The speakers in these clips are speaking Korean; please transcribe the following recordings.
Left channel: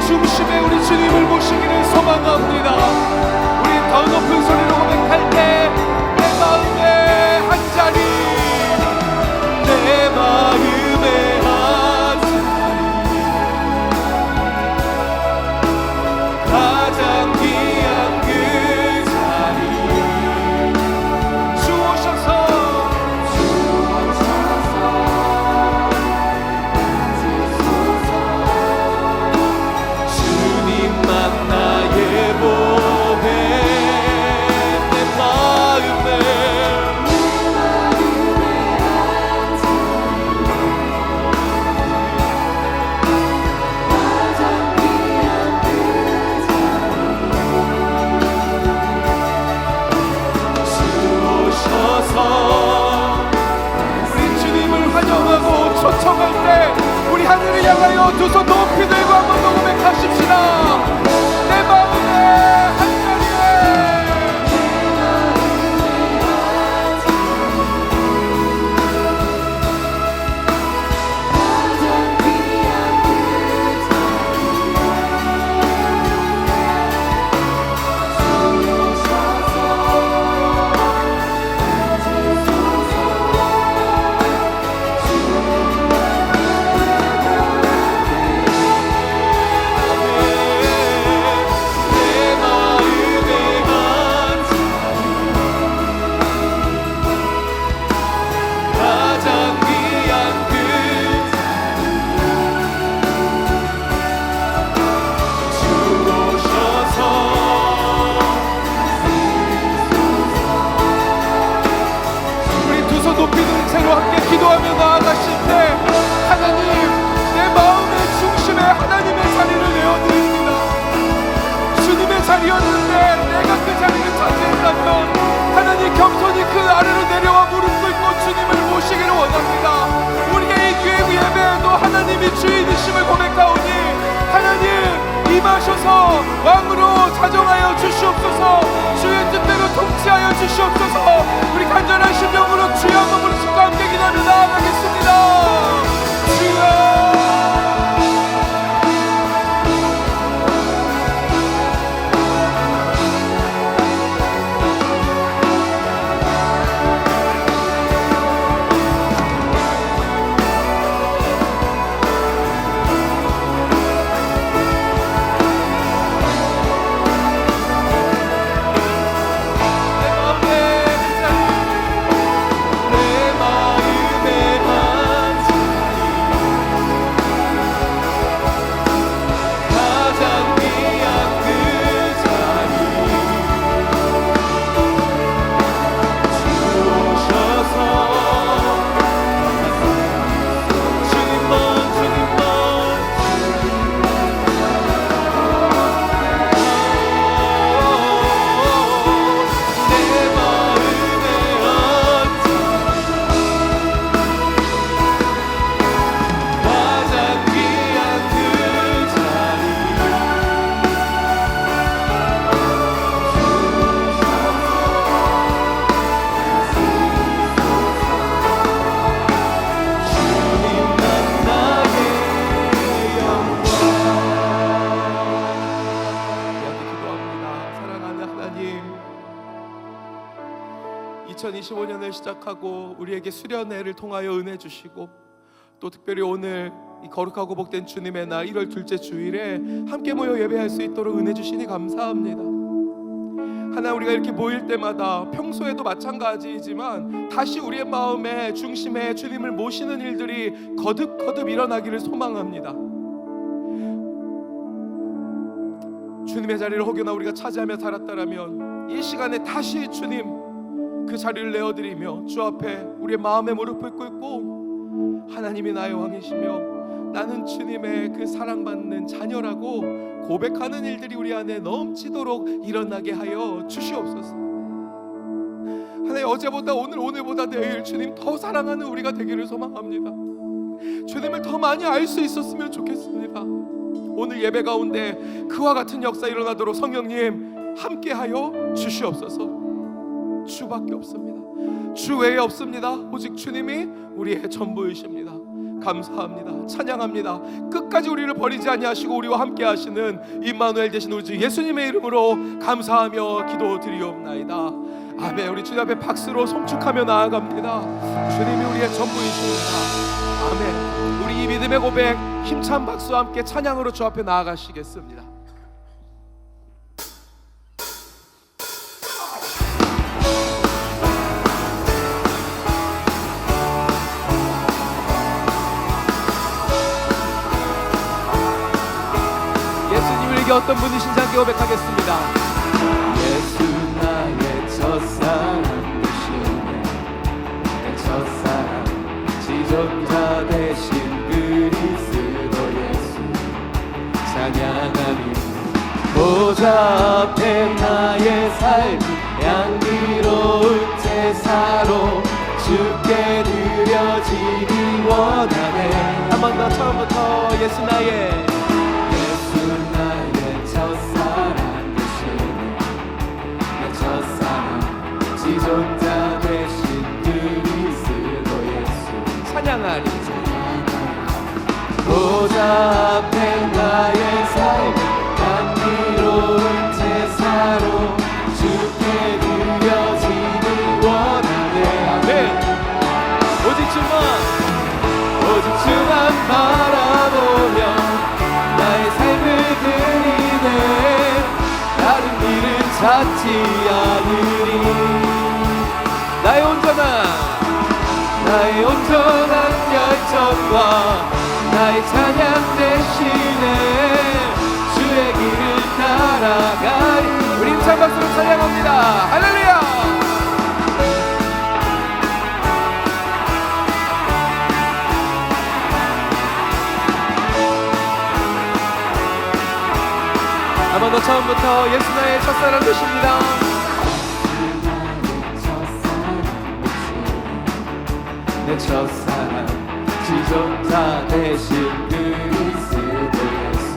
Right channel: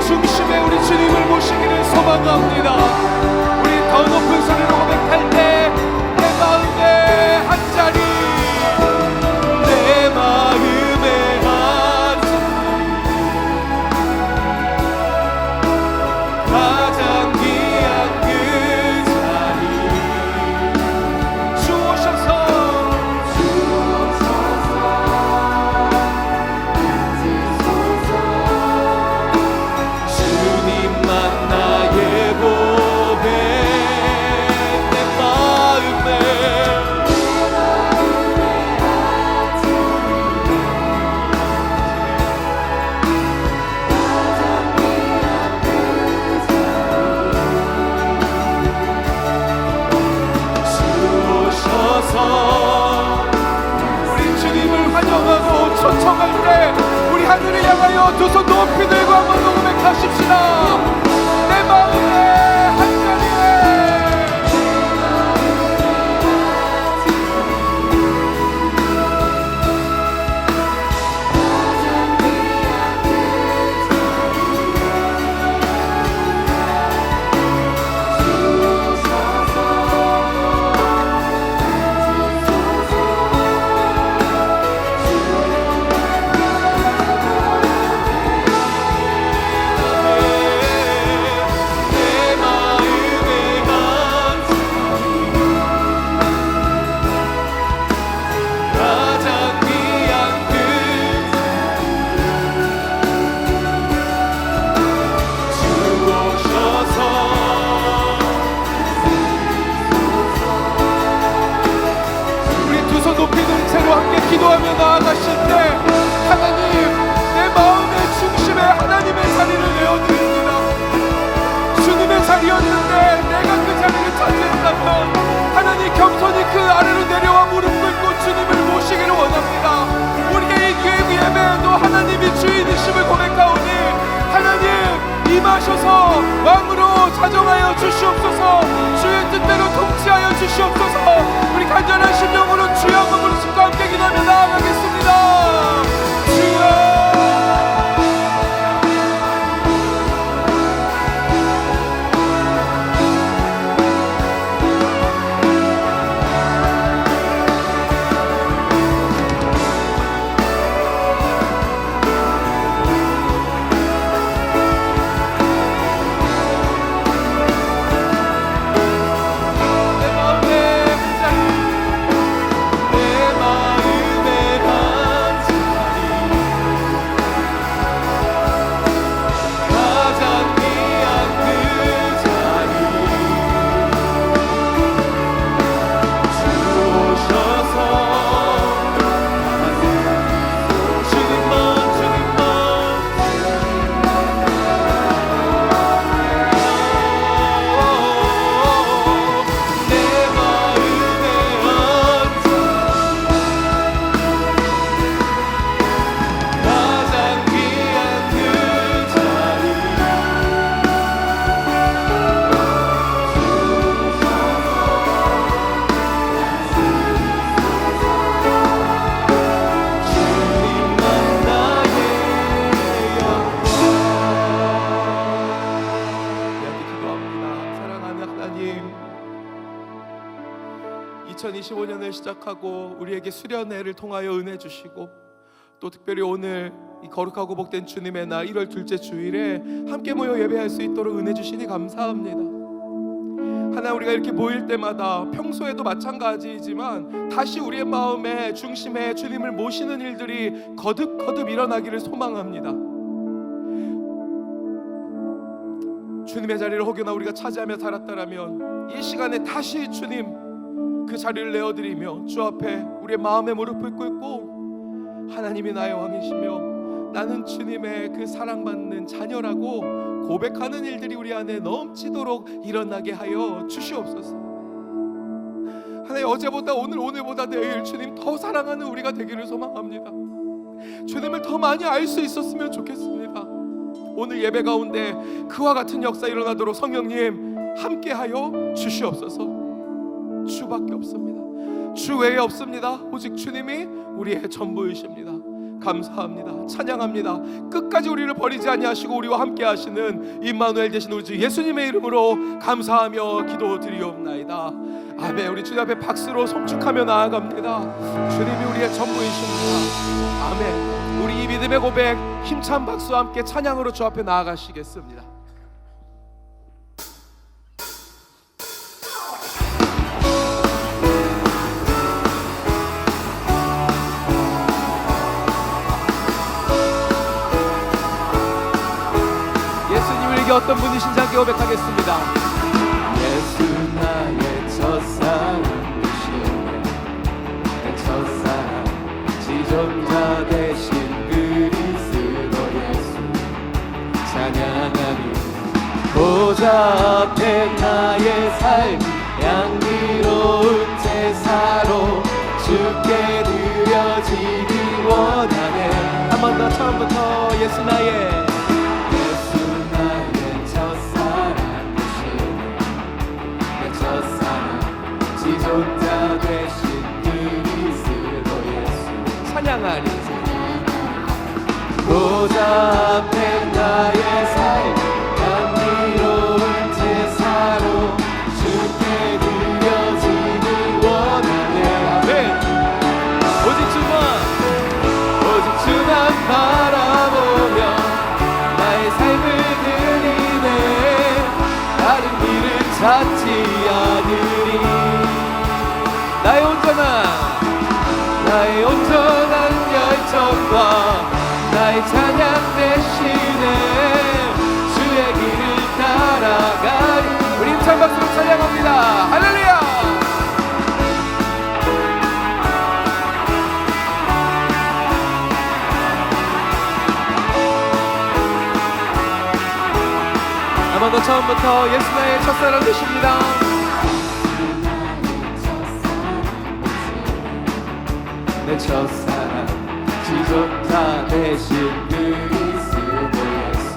중심에 우리 주님을 모시기를 소망합니다. 우리 더 높은 소리로 고백할 때 내 마음의 한 자리 내 마음 주시옵소서. 우리 간절한 심령으로 주여 한번 부르짖고 함께 기도하며 나아가겠습니다 시작하고 우리에게 수련회를 통하여 은혜 주시고 또 특별히 오늘 이 거룩하고 복된 주님의 날 1월 둘째 주일에 함께 모여 예배할 수 있도록 은혜 주시니 감사합니다. 하나 우리가 이렇게 모일 때마다 평소에도 마찬가지이지만 다시 우리의 마음의 중심에 주님을 모시는 일들이 거듭거듭 일어나기를 소망합니다. 주님의 자리를 혹여나 우리가 차지하며 살았다라면 이 시간에 다시 주님 그 자리를 내어드리며 주 앞에 우리의 마음의 무릎을 꿇고 하나님이 나의 왕이시며 나는 주님의 그 사랑받는 자녀라고 고백하는 일들이 우리 안에 넘치도록 일어나게 하여 주시옵소서. 하나님 어제보다 오늘 오늘보다 내일 주님 더 사랑하는 우리가 되기를 소망합니다. 주님을 더 많이 알 수 있었으면 좋겠습니다. 오늘 예배 가운데 그와 같은 역사 일어나도록 성령님 함께하여 주시옵소서. 주밖에 없습니다. 주 외에 없습니다. 오직 주님이 우리의 전부이십니다. 감사합니다. 찬양합니다. 끝까지 우리를 버리지 아니하시고 우리와 함께 하시는 임마누엘 되신 우리 주 예수님의 이름으로 감사하며 기도드리옵나이다. 아멘. 우리 주님 앞에 박수로 송축하며 나아갑니다. 주님이 우리의 전부이십니다. 아멘. 우리 이 믿음의 고백 힘찬 박수와 함께 찬양으로 주 앞에 나아가시겠습니다. 어떤 분이신지 함께 고백하겠습니다. 예수 나의 첫사랑 되시네. 내 첫사랑 지존자 되신 그리스도 예수. 찬양하니 보좌 앞에 나의 삶 양미로운 제사로 주께 드려지기 원하네. 한 번 더 처음부터 예수 나의 보좌 앞에 나의 삶 감미로운 제사로 주께 드려지니 원하네. 아멘. 오직 주만 오직 주만 바라보며 나의 삶을 드리네. 다른 길을 찾지 않으리. 나의 온전한 나의 온전한 열정과 나의 찬양 대신에 주의 길을 따라가리. 우리 힘찬 박수로 찬양합니다. 할렐루야! 아마 너 처음부터 예수 나의 첫사랑 되십니다. 내 첫사랑. 지존자 대신 그리스도 예수.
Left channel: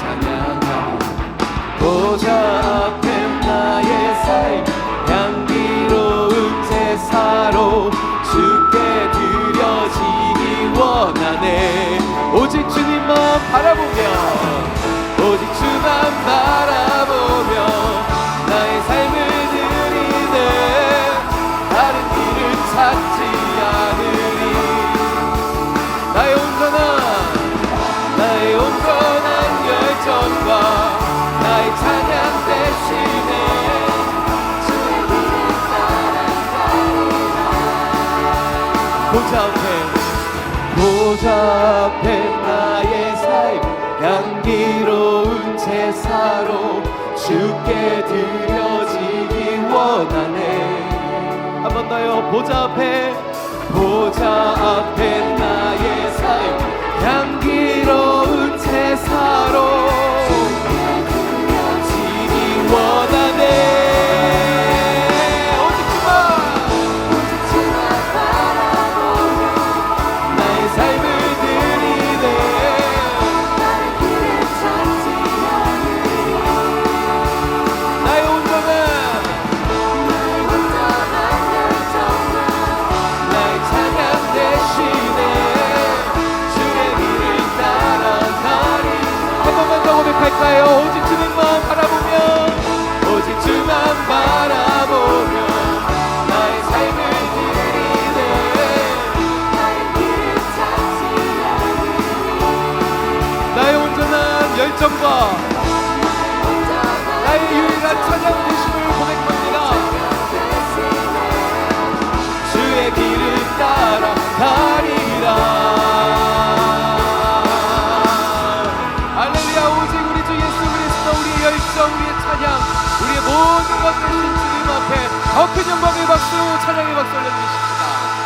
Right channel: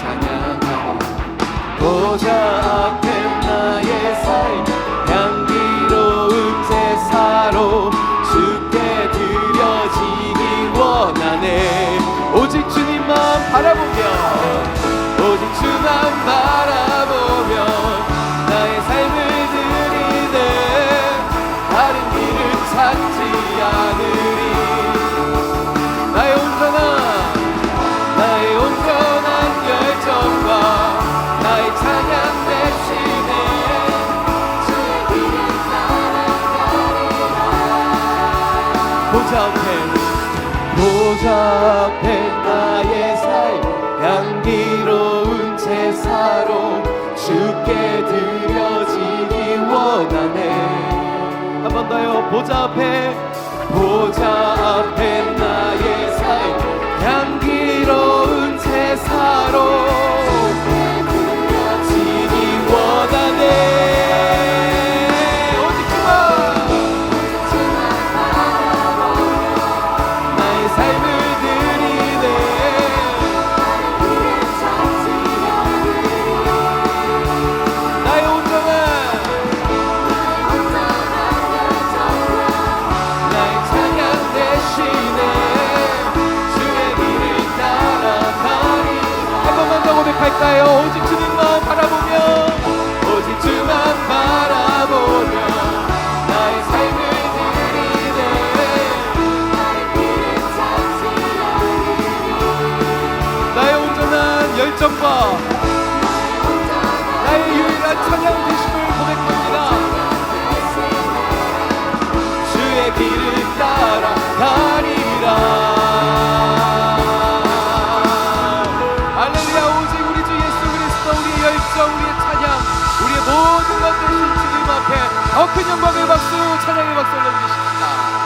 찬양하리 보좌 앞에 나의 삶 향기로운 제사로 주께 드려지기 원하네. 오직 주님만 바라보며 오직 주만 바라보며 나의 삶을 드리네 다른 길을 찾지 않으 보좌 앞에 나의 삶 향기로운 제사로 주께 드려지기 원하네. 한 번 더요. 보좌 앞에 보좌 앞에 나의 삶 향기로운 제사로 지기 원하네 삶을 드리네. 나의 온전한 나의 찬양 대신에 주의 길을 따라가리. 한 번만 더 고백할까요? 오직 주님만 바라보며 오직 주만 바라 열정과 나의 유일한 찬양 되심을 고백합니다. 주의 길을 따라 가리라 할렐루야 오직 우리 주 예수 그리스도 우리의 열정 우리의 찬양 우리의 모든 것 되신 주님 앞에 더 큰 영광의 박수 찬양의 박수 올려주십시다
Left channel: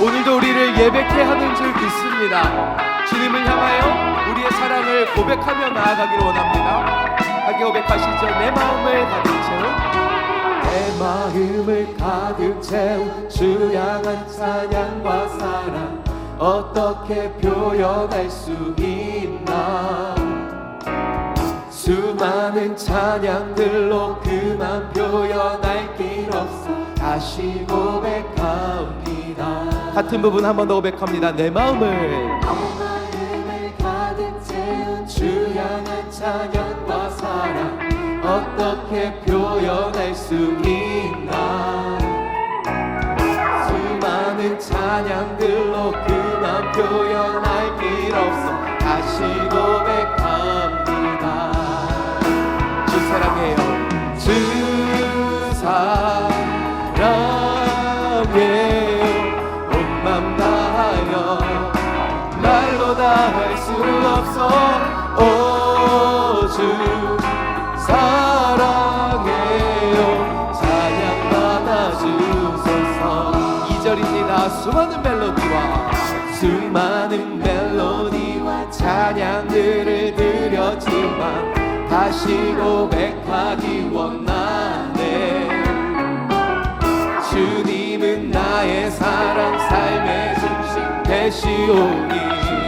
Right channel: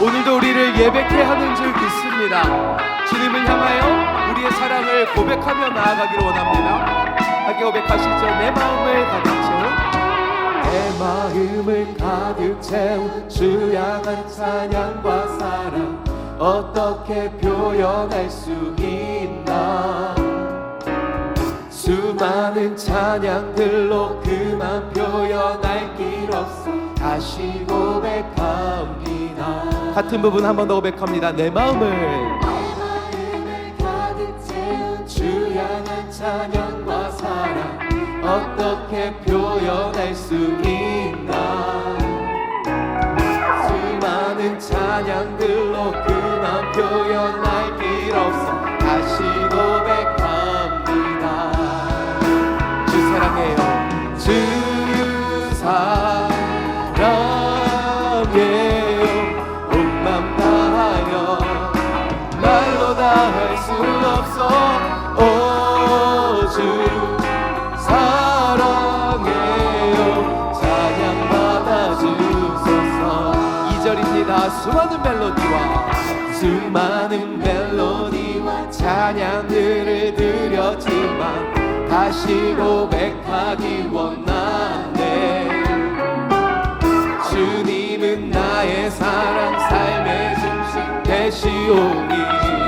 오늘도 우리를 예배케 하는 줄 믿습니다. 주님을 향하여 우리의 사랑을 고백하며 나아가기를 원합니다. 하게 고백하시죠. 내 마음을 가득 채운 내 마음을 가득 채운 주 향한 찬양과 사랑 어떻게 표현할 수 있나? 수많은 찬양들로 그만 표현할 길 없어 다시 고백합니다 같은 부분 한 번 더 고백합니다. 내 마음을 어떻게 표현할 수 있나? 수많은 찬양들로 그만 표현할 길 없어 다시 고백합니다. 주 사랑해요. 주 사랑 말로 다할수 없어. 오주 사랑해요. 찬양 받아주소서. 2절입니다. 수많은 멜로디와 수많은 멜로디와 찬양들을 드렸지만 다시 고백하기 원하네. 주님은 나의 사랑 삶의 중심 되시오니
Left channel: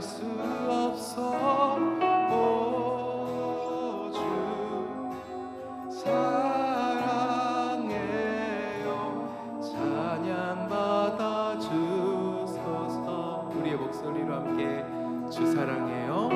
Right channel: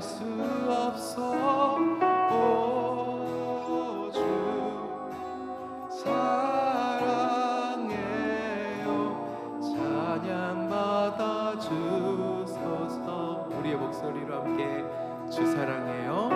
수 없어. 오주 사랑해요. 찬양 받아 주소서. 우리의 목소리로 함께 주 사랑해요.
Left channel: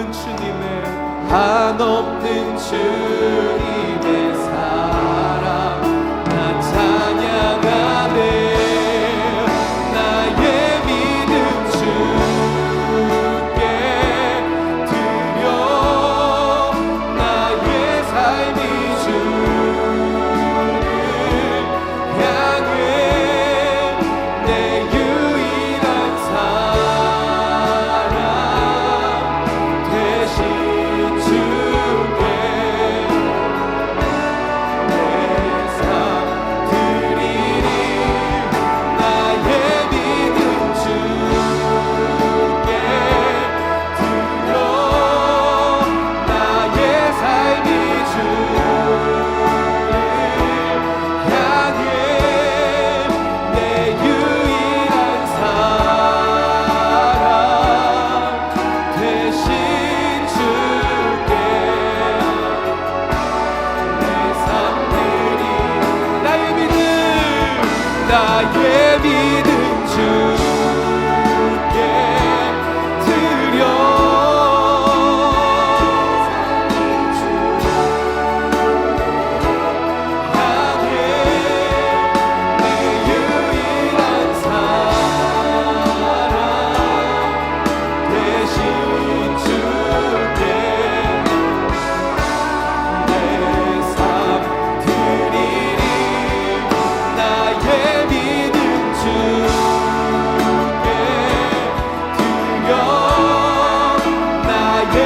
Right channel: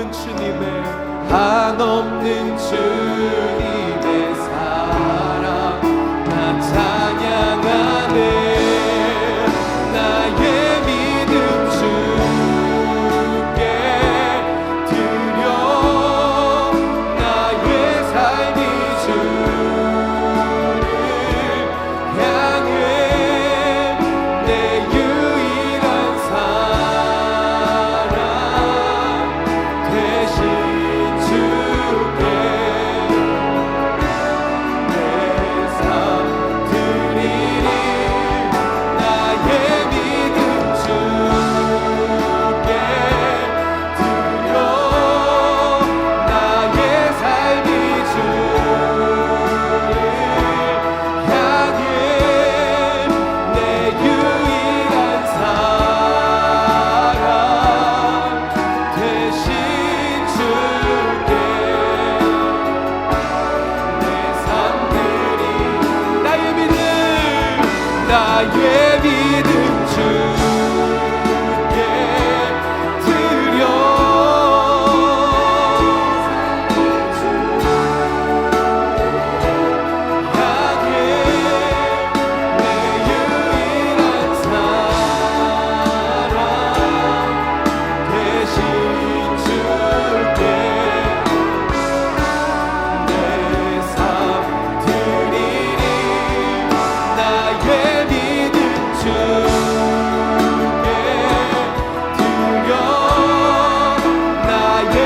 없는 주님의 한없는 주님의 사랑 나 찬양을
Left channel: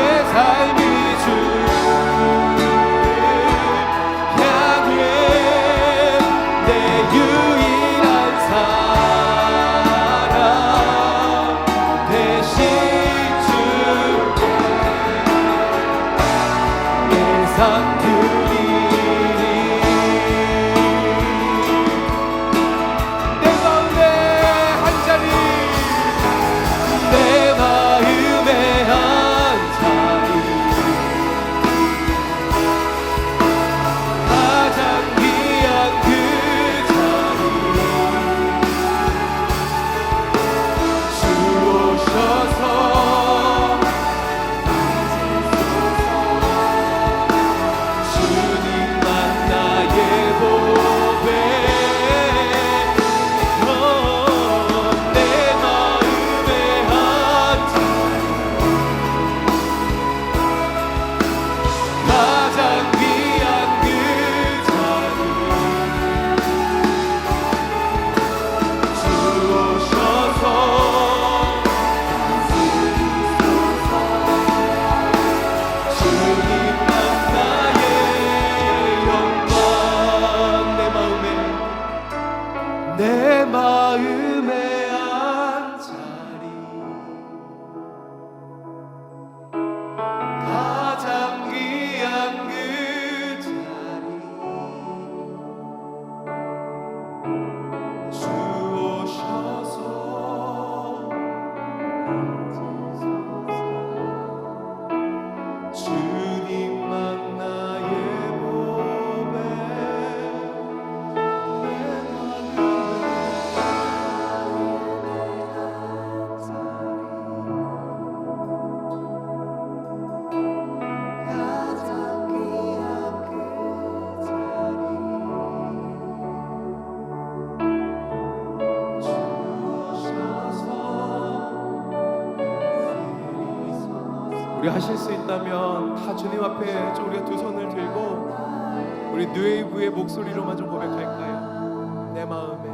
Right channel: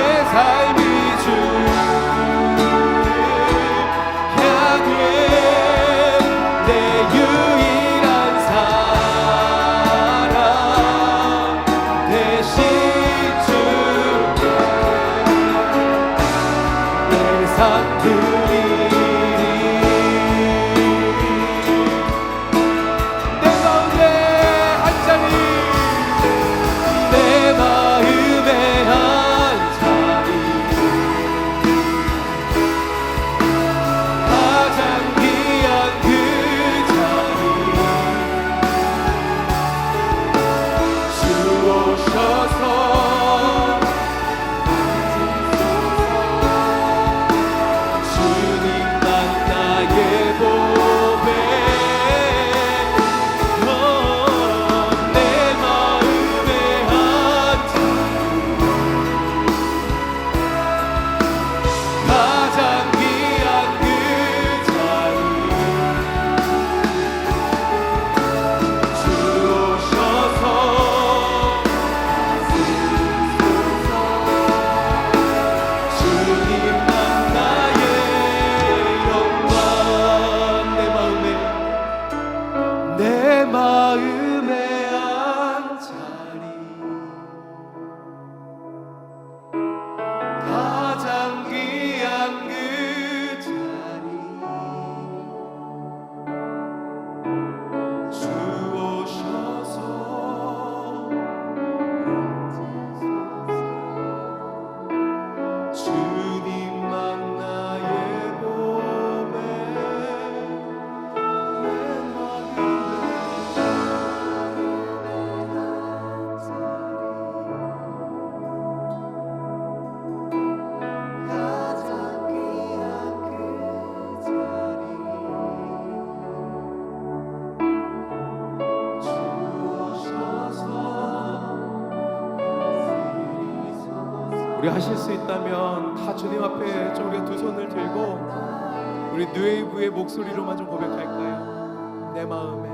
내 삶이 주. to 하실 수 있다면 다 주님 앞에 좀 우리가 두 손을 들고 우리 누에이브의 목소리로만 좀 고백할까요? 내 마음에